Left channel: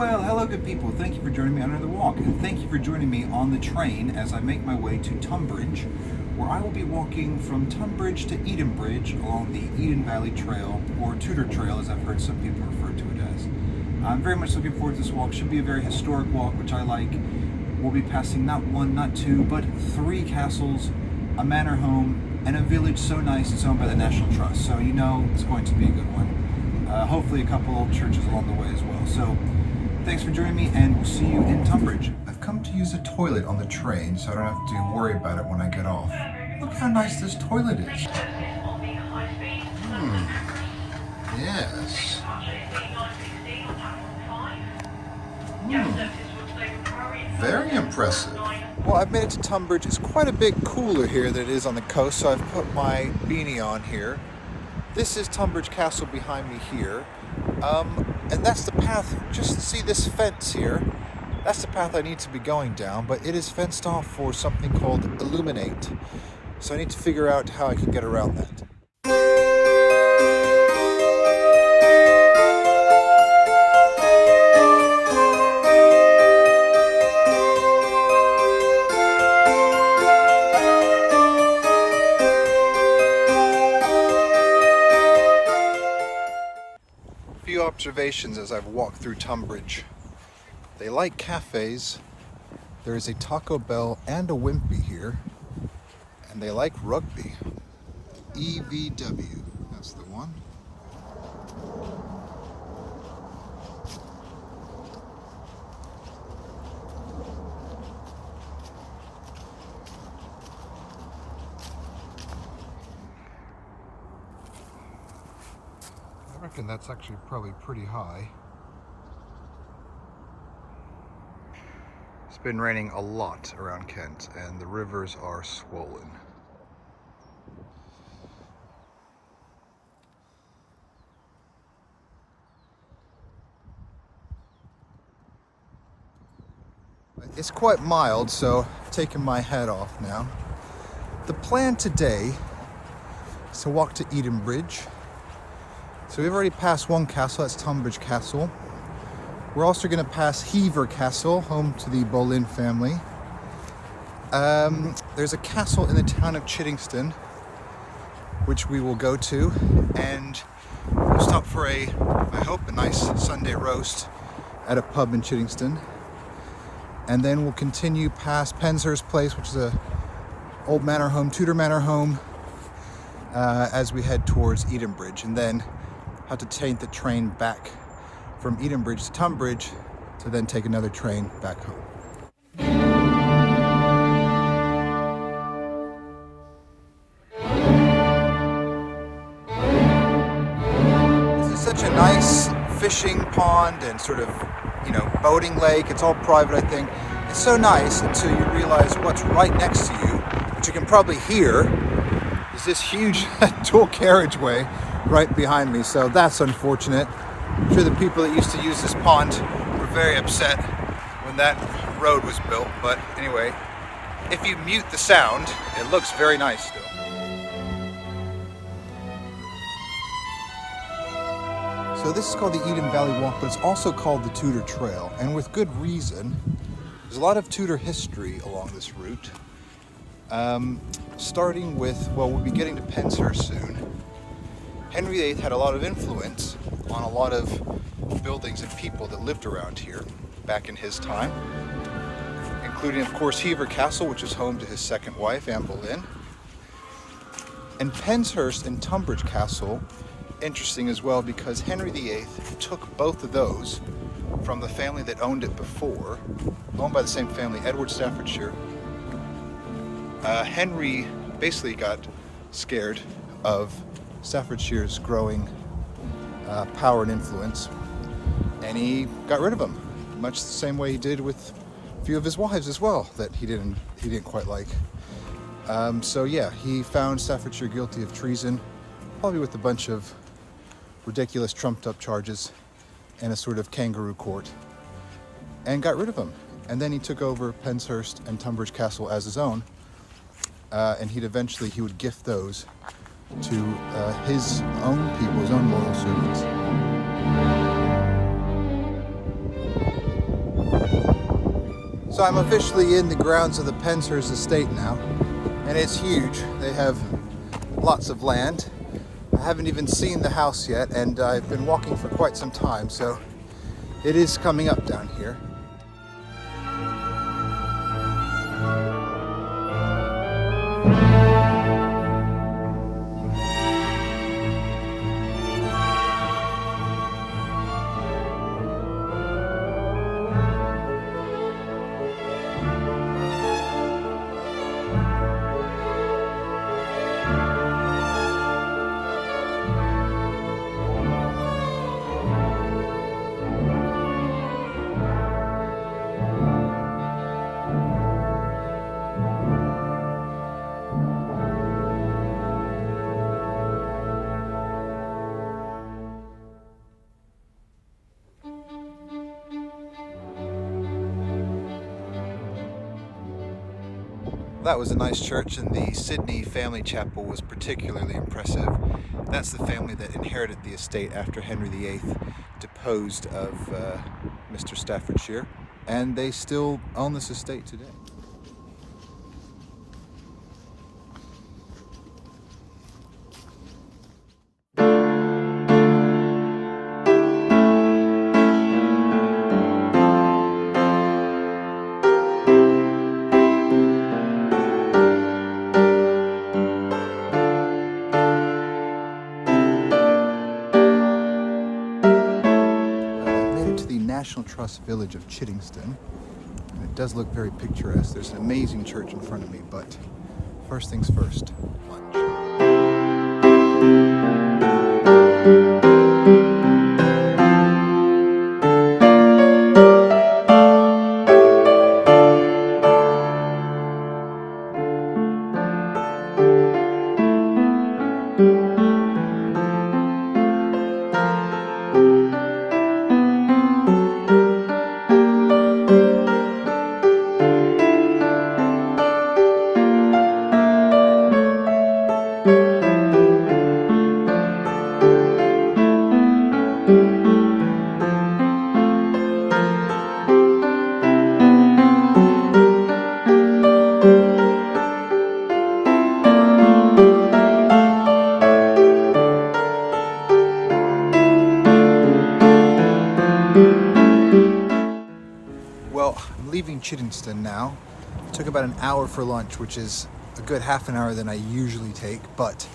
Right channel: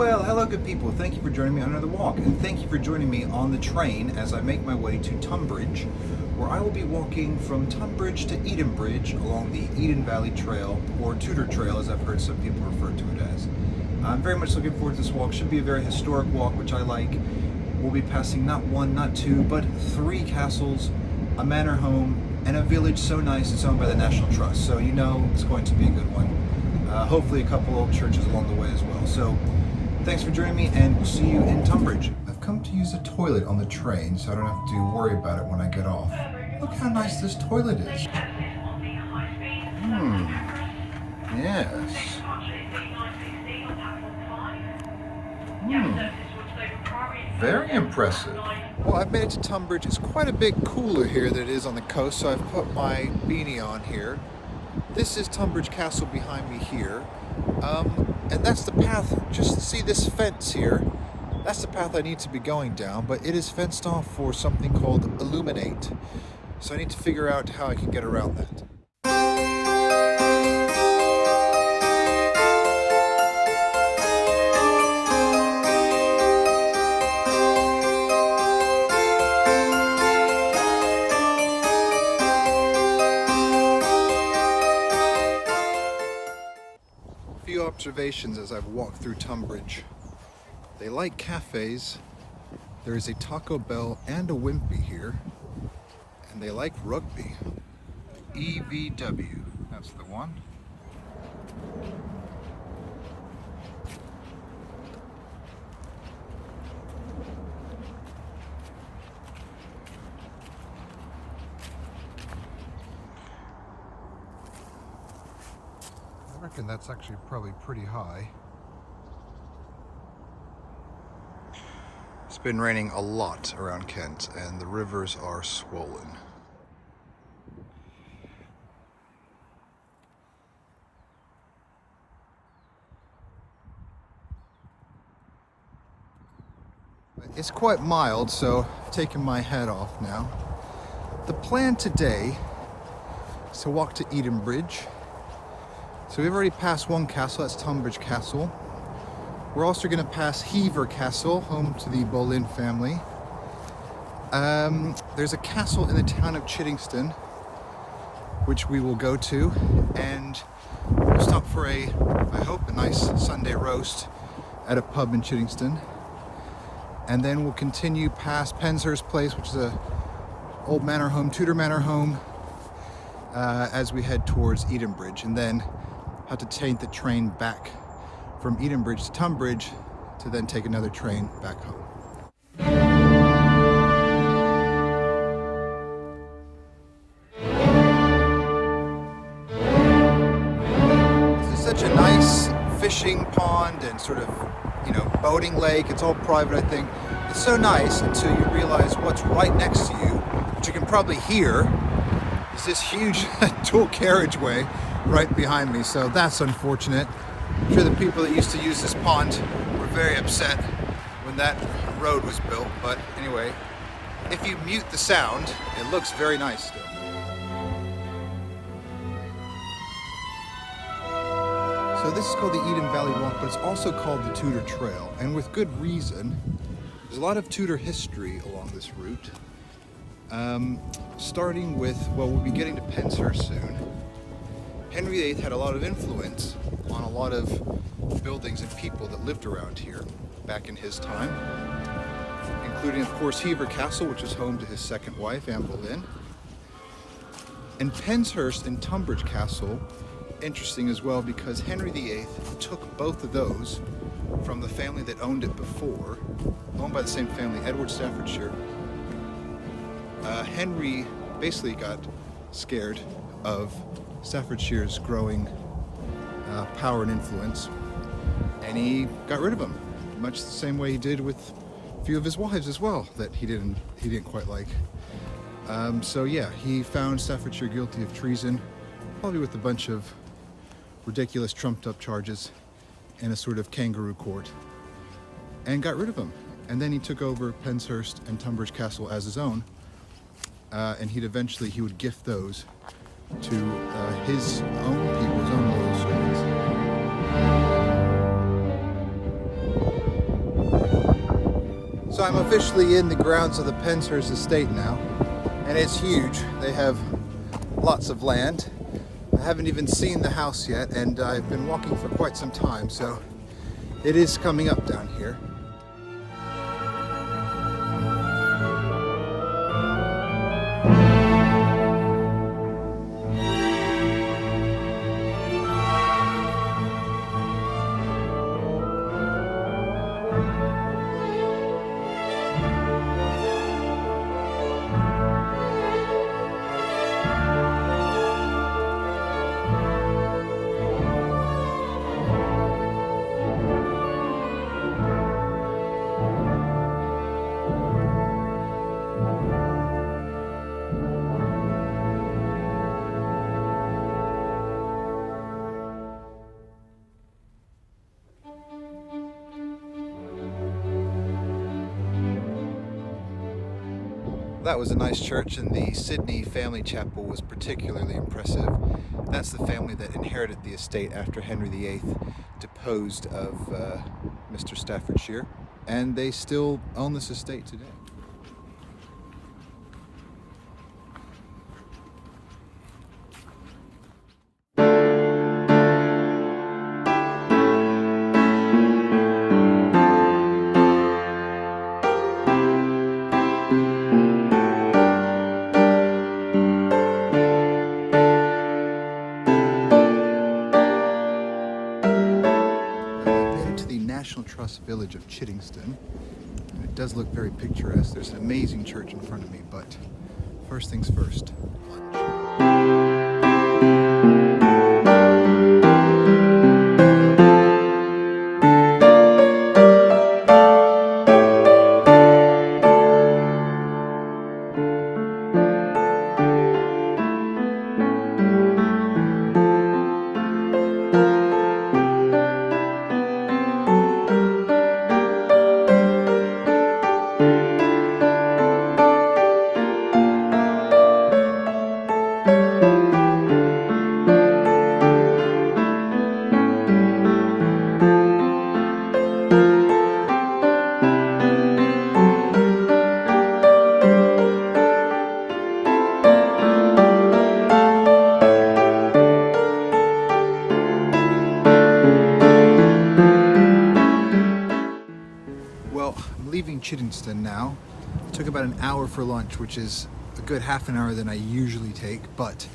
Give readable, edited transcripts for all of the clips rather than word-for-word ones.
Well, hello good people. Thank you for joining me on another walk, and thank you for joining me on the train as I make my way to Tunbridge, where I will be walking from Tunbridge to Edenbridge along the Eden Valley Trail, or Tudor Trail as I've heard some people refer to it as. I'm very much looking forward to this walk. Should be a very historic walk, which I like. We'll be passing not one, not two, but 3 castles, a manor home, and a village so nice it's owned by the National Trust. So you know it's going to be a good one. Hopefully a couple old churches along the way as well. So thanks for joining me, and we'll see you in Tunbridge. I've come to use a toilet on the train, so I don't have to worry about it when I get off. Look how nice this toilet is. Yes. Very impressive. Well, I've made it to Tunbridge. It's quite a bit cooler here than it is on the coast, so I've put my beanie on here. This is Tunbridge Castle behind me here. And that's the path, just to see this fence here, that's the path I need to be going down, but it is fenced off for something called Illuminate. So I need to figure out how I can get around that. Few observations as I've walked through Tunbridge. They like cafes. There is a Taco Bell and a Wimpy here, and they like rugby. EVW, that's the one. I reckon that's actually probably pretty high. It's been raining a lot around Kent, and the rivers are swollen. It's quite mild, so I've taken my hat off now. The plan today is to walk to Edenbridge. So we've already passed one castle, that's Tunbridge Castle. We're also going to pass Hever Castle, home to the Boleyn family. There's a castle in the town of Chittingston, which we will go to, and we'll stop for I hope, a nice Sunday roast at a pub in Chittingston. And then we'll continue past Penshurst Place, which is a old manor home, Tudor manor home, as we head towards Edenbridge, and then have to take the train back from Edenbridge to Tunbridge to then take another train back home. This is such a nice fishing pond and sort of, boating lake. It's all private, I think. It's so nice until you realize what's right next to you, which you can probably hear, is this huge dual carriageway right behind me. So that's unfortunate. I'm sure the people that used to use this pond were very upset when that road was built. But anyway, if you mute the sound, it looks very nice still. So this is called the Eden Valley Walk, but it's also called the Tudor Trail, and with good reason. There's a lot of Tudor history along this route. Starting with, well, we'll be getting to Penshurst soon. Henry VIII had a lot of influence on a lot of buildings and people that lived around here back in his time, including, of course, Hever Castle, which is home to his second wife, Anne Boleyn. And Penshurst and Tunbridge Castle, interesting as well, because Henry VIII took both of those from the family that owned it before, owned by the same family, Edward Staffordshire. Henry basically got scared of Staffordshire's growing power and influence, and he got rid of them, much the same way he did with a few of his wives as well that he didn't quite like. So yeah, he found Staffordshire guilty of treason, probably with a bunch of ridiculous trumped up charges in a sort of kangaroo court, and got rid of him. And then he took over Penshurst and Tunbridge Castle as his own, and he would gift those to his own people, his own loyal servants. So I'm officially in the grounds of the Penshurst estate now, and it's huge. They have lots of land. I haven't even seen the house yet, and I've been walking for quite some time, so it is coming up down here. That was a nice church, and the Sydney family chapel was particularly impressive. That's the family that inherited the estate after Henry VIII deposed of Mr. Staffordshire, and they still own this estate today. National Trust village of Chiddingstone, and it does look very picturesque. There's an amazing church in front of me, but first things first, lunch. Well, I'm leaving Chiddingstone now. It took about an hour for lunch, which is a good half an hour than I usually take, but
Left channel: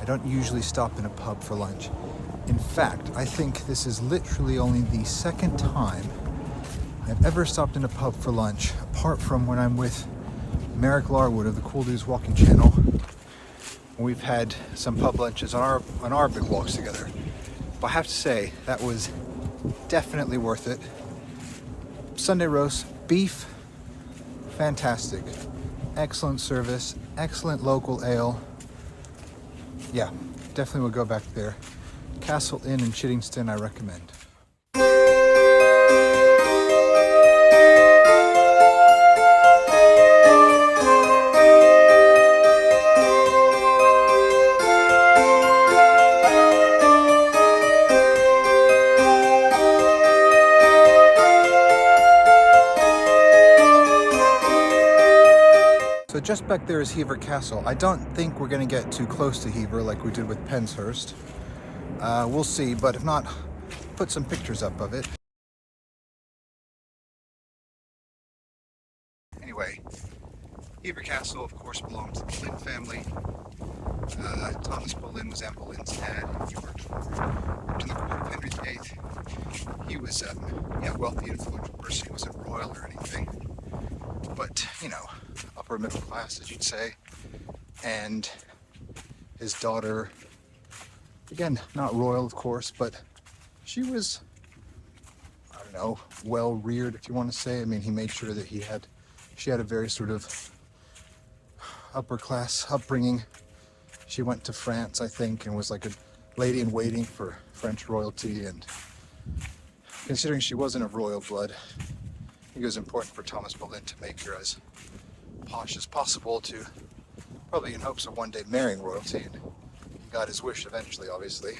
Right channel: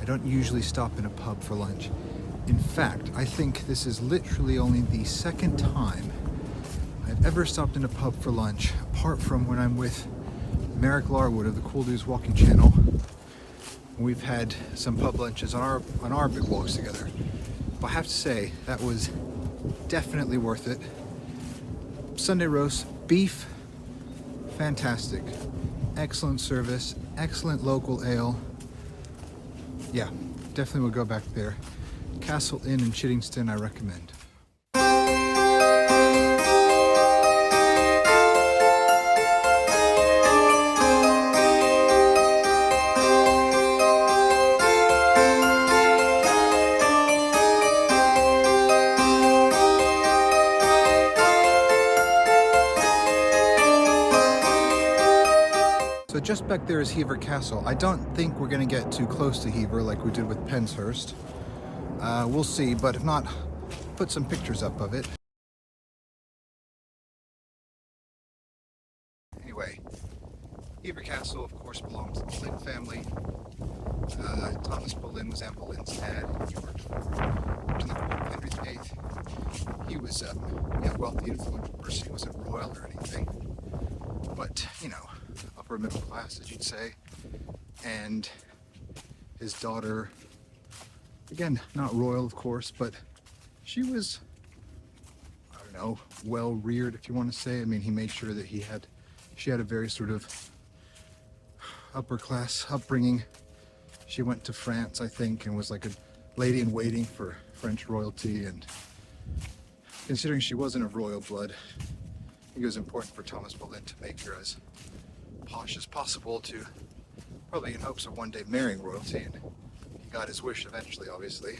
I don't usually stop in a pub for lunch. In fact, I think this is literally only the second time I've ever stopped in a pub for lunch, apart from when I'm with Merrick Larwood of the Cool Dudes Walking Channel. We've had some pub lunches on our big walks together. But I have to say, that was definitely worth it. Sunday roast, beef, fantastic. Excellent service, excellent local ale. Yeah, definitely would go back there. Castle Inn in Chiddingstone, I recommend. So just back there is Hever Castle. I don't think we're going to get too close to Hever like we did with Penshurst. We'll see, but if not, put some pictures up of it. Anyway, Hever Castle, of course, belonged to the Boleyn family. Thomas Boleyn was Anne Boleyn's dad. He worked in the court of Henry VIII. He was a wealthy, influential person. He wasn't royal or anything, but, you know, upper middle class, as you'd say. And his daughter, again, not royal, of course, but she was, I don't know, well reared, if you want to say. I mean, he made sure that she had a very sort of upper class upbringing. She went to France, I think, and was like a lady in waiting for French royalty. And considering she wasn't of royal blood, I think it was important for Thomas Boleyn to make her as posh as possible, to probably in hopes of one day marrying royalty, and he got his wish eventually, obviously.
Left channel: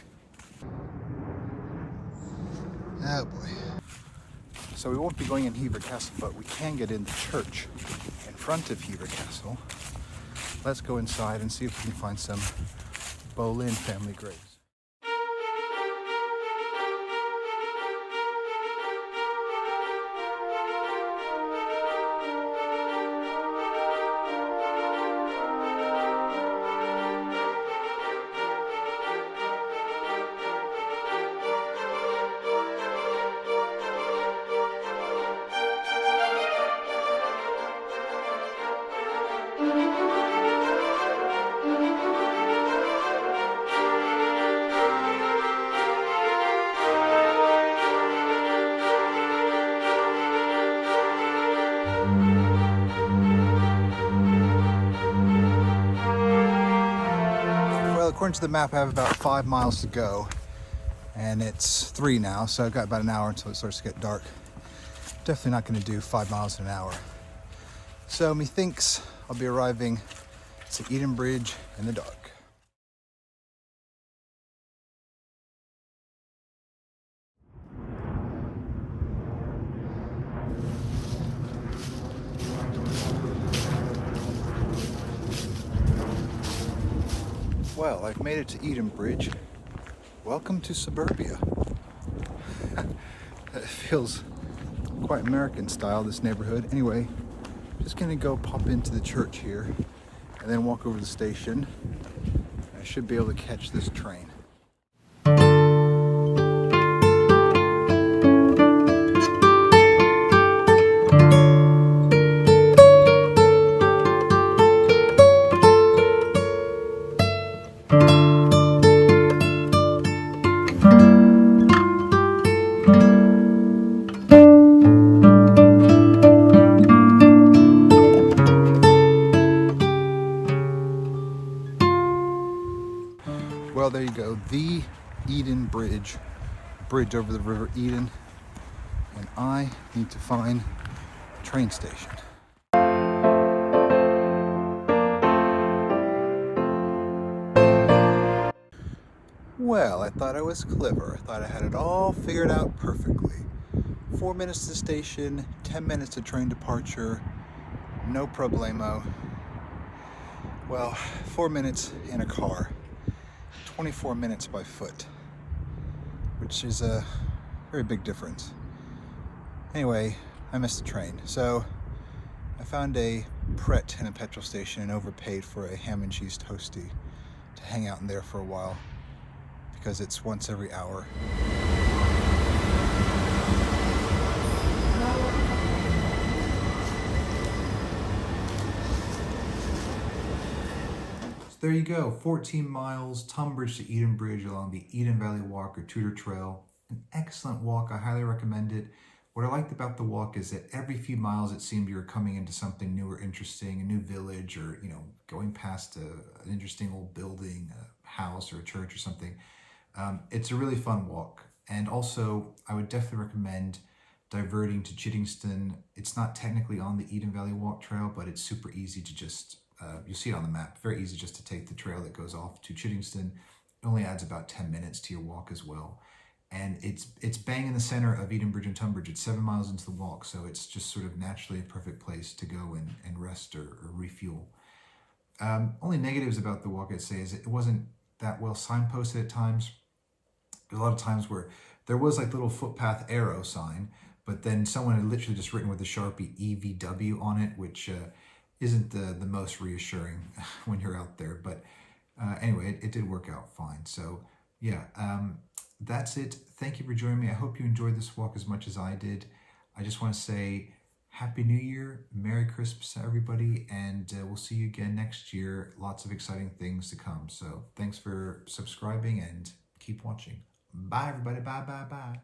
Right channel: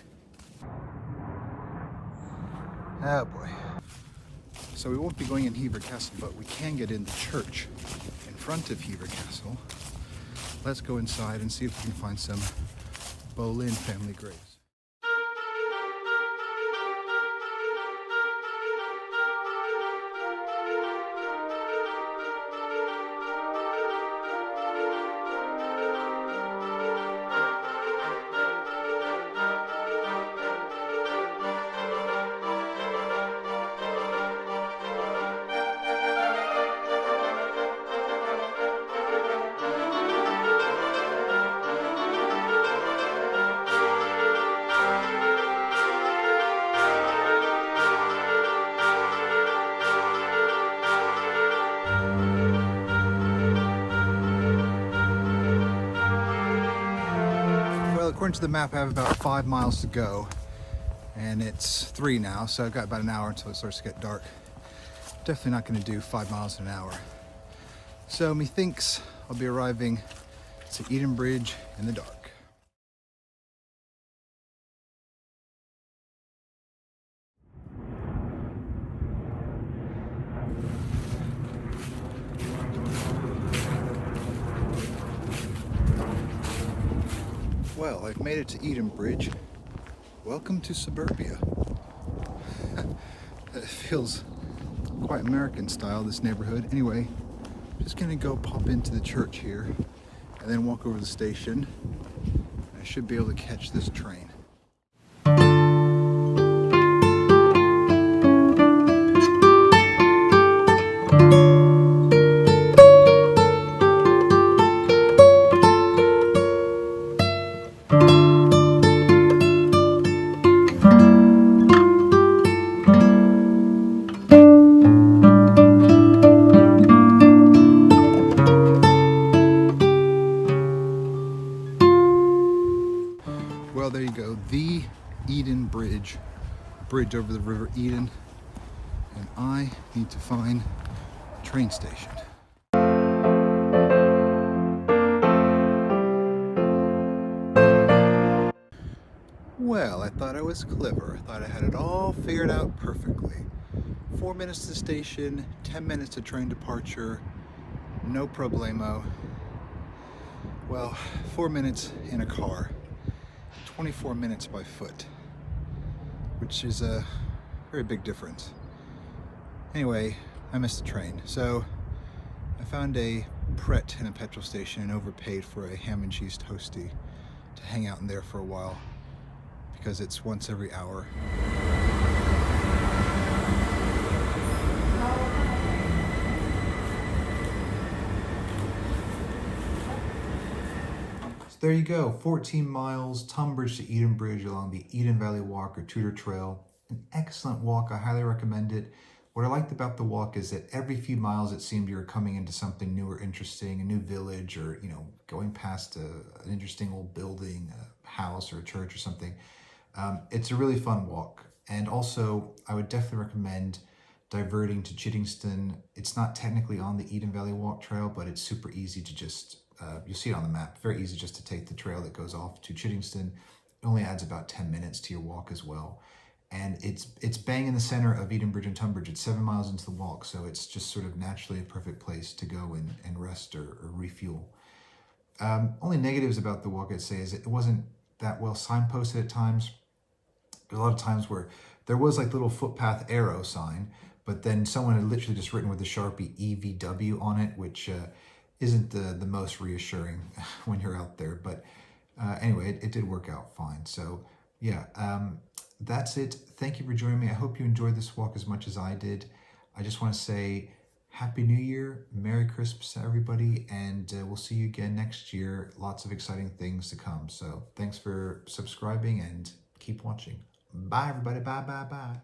Oh boy. So we won't be going in Hever Castle, but we can get in the church in front of Hever Castle. Let's go inside and see if we can find some Boleyn family graves. Well, according to the map, I have about 5 miles to go, and it's 3 now, so I've got about an hour until it starts to get dark. Definitely not going to do 5 miles in an hour. So methinks I'll be arriving to Edenbridge in the dark. Well, I've made it to Edenbridge. Welcome to suburbia. It feels quite American style, this neighborhood. Anyway, just gonna go pop into the church here and then walk over to the station. I should be able to catch this train. Well, there you go, the Edenbridge, bridge over the River Eden, and I need to find a train station. Well, I thought I was clever. I thought I had it all figured out perfectly. 4 minutes to the station, 10 minutes to train departure, no problemo. Well, 4 minutes in a car. 24 minutes by foot, which is a very big difference. Anyway, I missed the train. So I found a Pret in a petrol station and overpaid for a ham and cheese toastie to hang out in there for a while because it's once every hour. There you go, 14 miles, Tunbridge to Edenbridge along the Eden Valley Walk or Tudor Trail. An excellent walk, I highly recommend it. What I liked about the walk is that every few miles it seemed you were coming into something new or interesting, a new village, or going past an interesting old building, a house or a church or something. It's a really fun walk. And also, I would definitely recommend diverting to Chittingston. It's not technically on the Eden Valley Walk Trail, but it's super easy to just you see it on the map, very easy just to take the trail that goes off to Chittingston. It only adds about 10 minutes to your walk as well. And it's bang in the center of Edenbridge and Tunbridge. It's 7 miles into the walk, so it's just sort of naturally a perfect place to go and rest or refuel. Only negatives about the walk, I'd say, is it wasn't that well signposted at times. There's a lot of times where there was like little footpath arrow sign, but then someone had literally just written with a Sharpie EVW on it, which isn't the most reassuring when you're out there. But anyway, it did work out fine. So yeah, that's it. Thank you for joining me. I hope you enjoyed this walk as much as I did. I just want to say Happy New Year, Merry Christmas to everybody, and we'll see you again next year. Lots of exciting things to come. So thanks for subscribing and keep watching. Bye, everybody. Bye, bye, bye.